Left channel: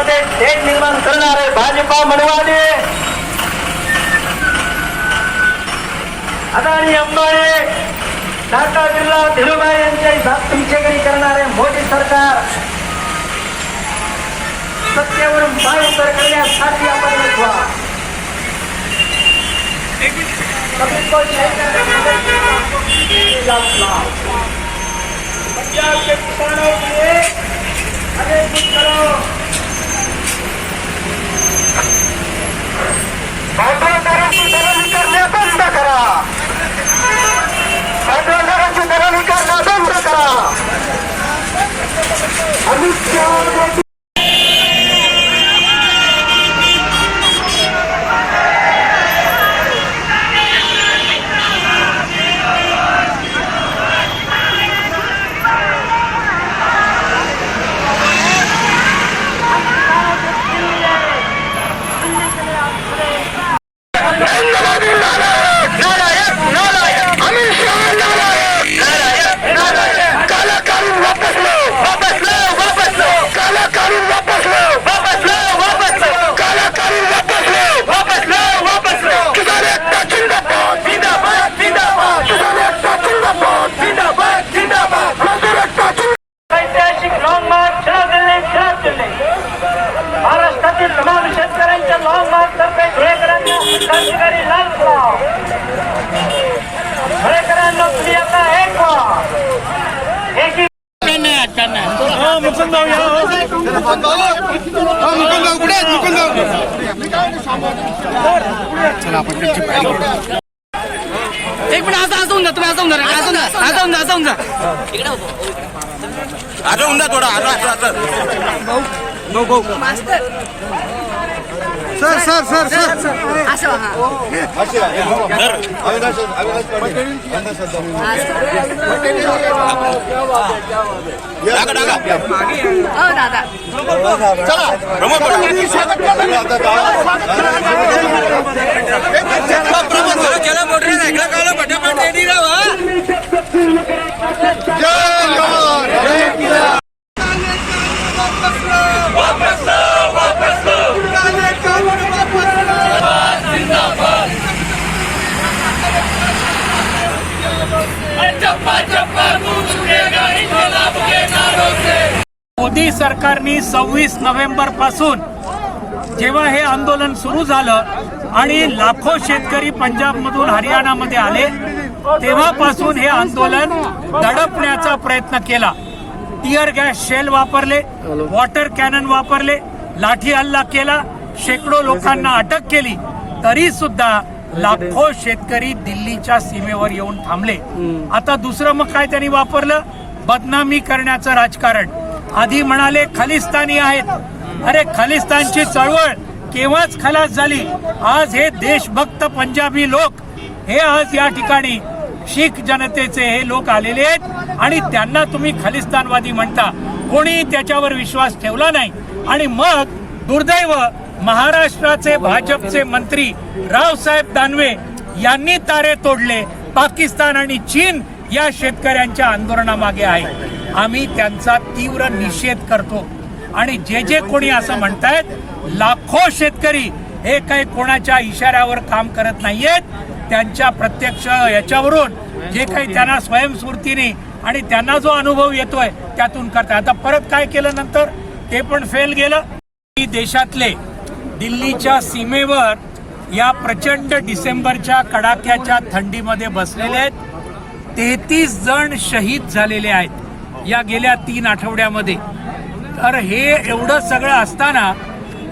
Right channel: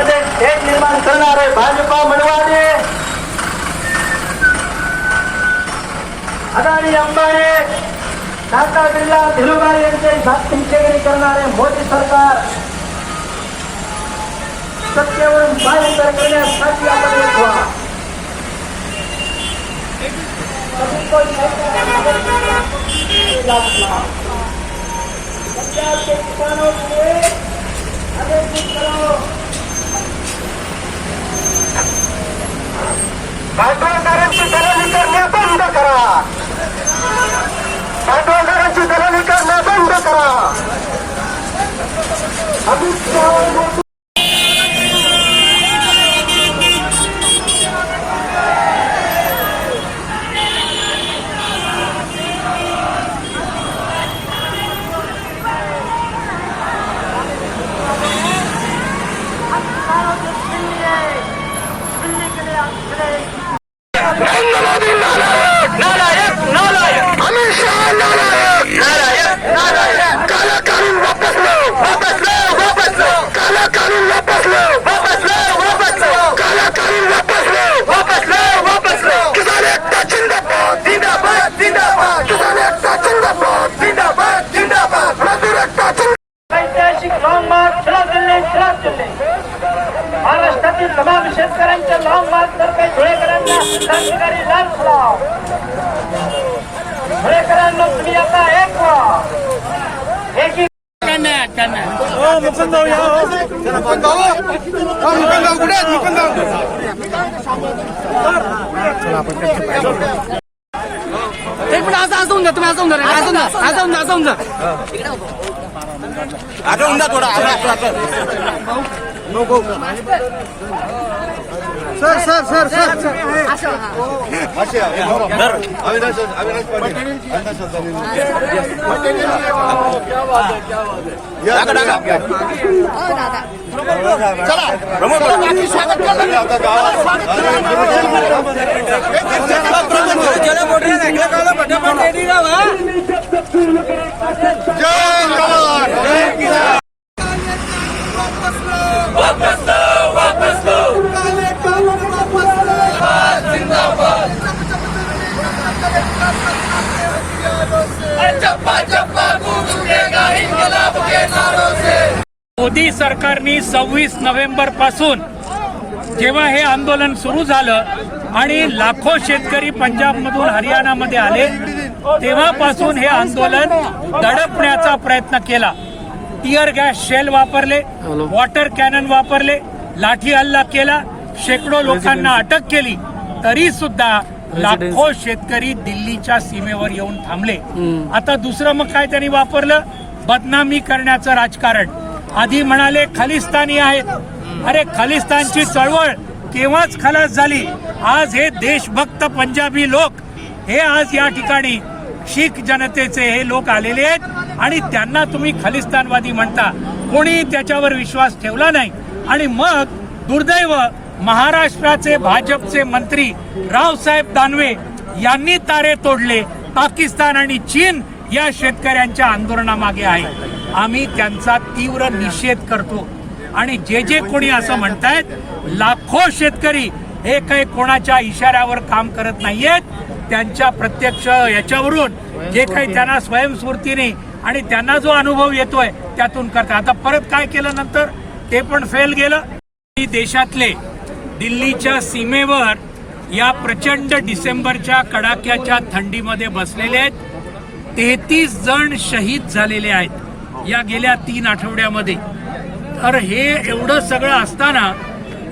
शेतकऱ्यांमध्ये तेढ निर्माण करणारे भाजपा मनवाने अदानी अंबानी टाटा बिर्ला धीरुभाई यांच्याही धाकटीचेगिरी करणारे मोदी सरकार सत्तेवरून पायउतार करण्यासाठी आपण एक व्हा. पंजाब के किसानों के लिए अनेक कुछ करो. भांडवलदारांची दलाली करणे बंद करा. भांडवलदारांची दलाली करणे बंद करा. अमित शहा महाराष्ट्रातील तमाम शेतकऱ्यांच्या लॉंग मार्च तर्फे धुळेकरांना क्रांतिकारी लाल फुलाव. धुळेकरांना तुम्ही आता एक व्हा. एक मिनिट असं होऊन जा तुम्ही असं होऊन जा थोडा मोदी सरकारने 26 नोव्हेंबर पासून जेव्हा हे आंदोलन सुरू झालं आणि लाखो शेतकरी पंजाबमधून हरियाणामध्ये आले तेव्हापासून हे आंदोलन दडपण्याचा प्रयत्न केला. टियर गॅस शेल वापरले, वॉटर कॅनन वापरले, लाठी हल्ला केला, शेकडो लोकांना अटक केली, तरी सुद्धा लाखो शेतकरी दिल्लीच्या सीमेवर येऊन थांबले. आता दुसरं मग काय त्यांनी वापरलं? बदनामी करण्याचं राजकारण. आधी म्हणाले खलिस्तानी आहेत. अरे खलिस्तानची चळवळ केव्हाच खलास झाली. आज हे देशभक्त पंजाबी लोक हे आज या ठिकाणी शीख जनतेचे हे लोक आलेले आहेत आणि त्यांना तुम्ही खलिस्तानवादी म्हणता. कोणी त्याच्यावर विश्वास ठेवला नाही. आणि मग दुर्दैव महाराष्ट्राचे भाजपचे मंत्री रावसाहेब दानवे यांनी तारे तोडले. पाकिस्तान आणि चीन या शेतकऱ्यांच्या आंदोलनामागे आहे. आम्ही त्यांचा तीव्र निषेध करतो. आणि जे कोणी असं म्हणतायत लाखो शेतकरी हे काही कोणाच्या इशाऱ्यावर काम करत नाहीयेत. त्यांच्या प्रत्यक्ष याच्यावरून जे काही त्यांना स्वयंस्फूर्तीने आणि त्यांना जो अनुभव येतोय त्यातून करतात. आता परत काय केलं नंतर ते पण फेल गेलं. देशातले दिल्लीच्या सीमेवर या प्रचंड डिसेंबरच्या कडाक्याच्या थंडीमध्ये बसलेले आहेत. 33 जण शहीद झालेले आहेत या गेल्या 3 आठवड्यामध्ये. तर हे एवढं सगळं असताना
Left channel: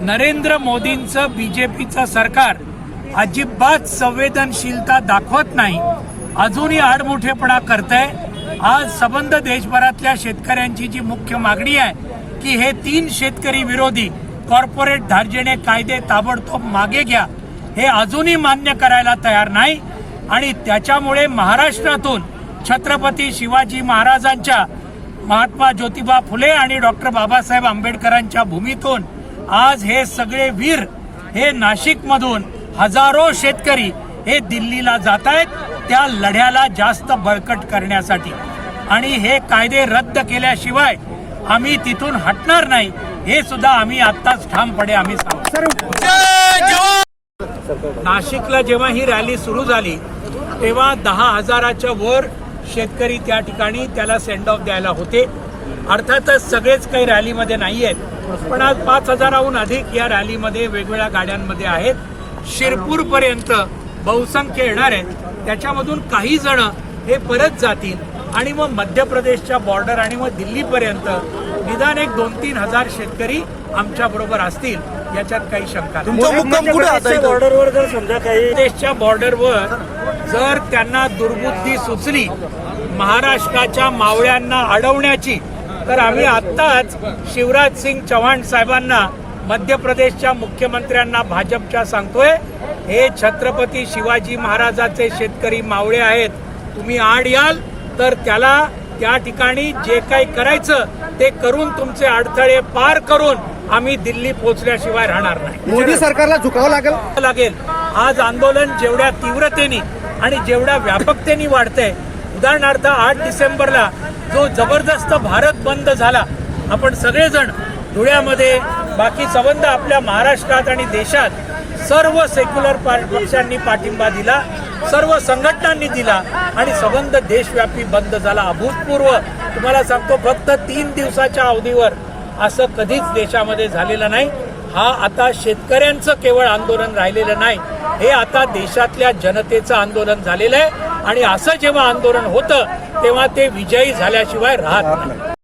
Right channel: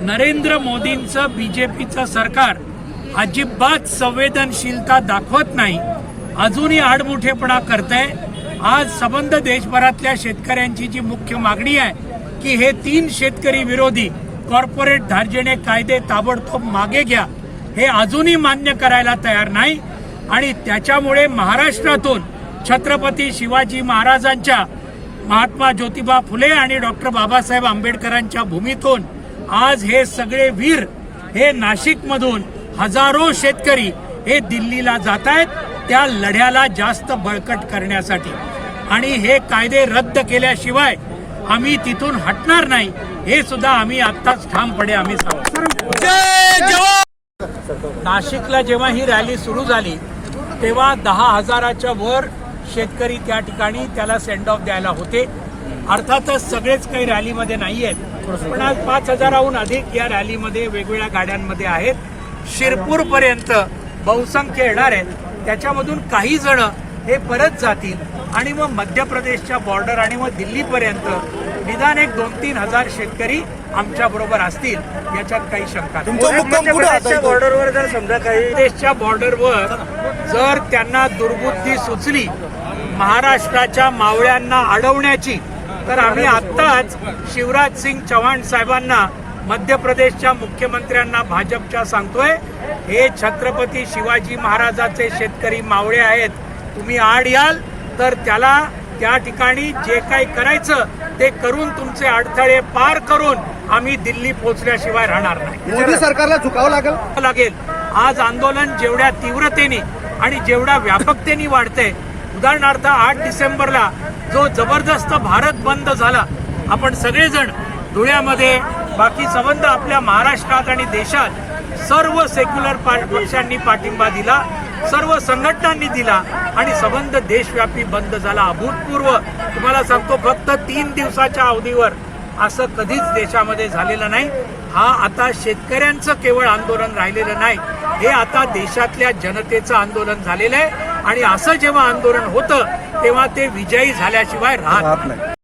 नरेंद्र मोदींचं बीजेपीचं सरकार अजिबात संवेदनशीलता दाखवत नाही. अजूनही आडमुठेपणा करतंय. आज संबंध देशभरातल्या शेतकऱ्यांची जी मुख्य मागणी आहे की हे 3 शेतकरी विरोधी कॉर्पोरेट धार्जिणे कायदे ताबडतोब मागे घ्या, हे अजूनही मान्य करायला तयार नाही. आणि त्याच्यामुळे महाराष्ट्रातून छत्रपती शिवाजी महाराजांच्या, महात्मा ज्योतिबा फुले आणि डॉक्टर बाबासाहेब आंबेडकरांच्या भूमीतून आज हे सगळे वीर हे नाशिकमधून हजारो शेतकरी हे दिल्लीला जात आहेत त्या लढ्याला जास्त बळकट करण्यासाठी. आणि हे कायदे रद्द केल्याशिवाय आम्ही तिथून हटणार नाही हे सुद्धा आम्ही आत्ताच ठामपणे आम्ही सांगतो. नाशिकला जेव्हा ही रॅली सुरू झाली तेव्हा 10,000च्या वर शेतकरी त्या ठिकाणी त्याला सेंड ऑफ द्यायला होते. अर्थातच सगळेच काही रॅलीमध्ये नाही आहेत, पण आज 5,000हून अधिक या रॅलीमध्ये वेगवेगळ्या गाड्यांमध्ये आहेत. शिरपूरपर्यंत बहुसंख्य येणार आहेत. त्याच्यामधून काही जण हे परत जातील आणि मग मध्य प्रदेशच्या बॉर्डर आणि मग दिल्लीपर्यंत निदान एक 2-3 हजार शेतकरी आमच्या बरोबर असतील, याच्यात काही शंका नाही. बॉर्डरवर जर समजा काही देशच्या बॉर्डरवर जर त्यांना दुर्बुद्धी सुचली महाराष्ट्राच्या मावळ्यांना अडवण्याची, तर आम्ही आत्ताच शिवराज सिंग चौहान साहेबांना, मध्य प्रदेशच्या मुख्यमंत्र्यांना, भाजपच्या सांगतोय, हे छत्रपती शिवाजी महाराजाचे शेतकरी मावळे आहेत. तुम्ही आड याल तर त्याला त्या ठिकाणी जे काही करायचं ते करून तुमचे अडथळे पार करून आम्ही दिल्ली पोहोचल्याशिवाय राहणार नाही. मोदी सरकारला झुकावं लागेल. आज आंदोलन जेवढ्या तीव्रतेने आणि जेवढ्या व्यापकतेने वाढतंय, उदाहरणार्थ 8 डिसेंबरला जो जबरदस्त भारत बंद झाला, आपण सगळेजण धुळ्यामध्ये, बाकी संबंध आपल्या महाराष्ट्रात आणि देशात सर्व सेक्युलर पक्षांनी पाठिंबा दिला, सर्व संघटनांनी दिला आणि संबंध देशव्यापी बंद झाला. अभूतपूर्व तुम्हाला सांगतो, फक्त 3 दिवसाच्या अवधीवर असं कधीच देशामध्ये झालेलं नाही. हा आता शेतकऱ्यांचं केवळ आंदोलन राहिलेलं नाही, हे आता देशातल्या जनतेचं आंदोलन झालेलं आहे आणि असं जेव्हा आंदोलन होतं तेव्हा ते विजयी झाल्याशिवाय राहत नाही.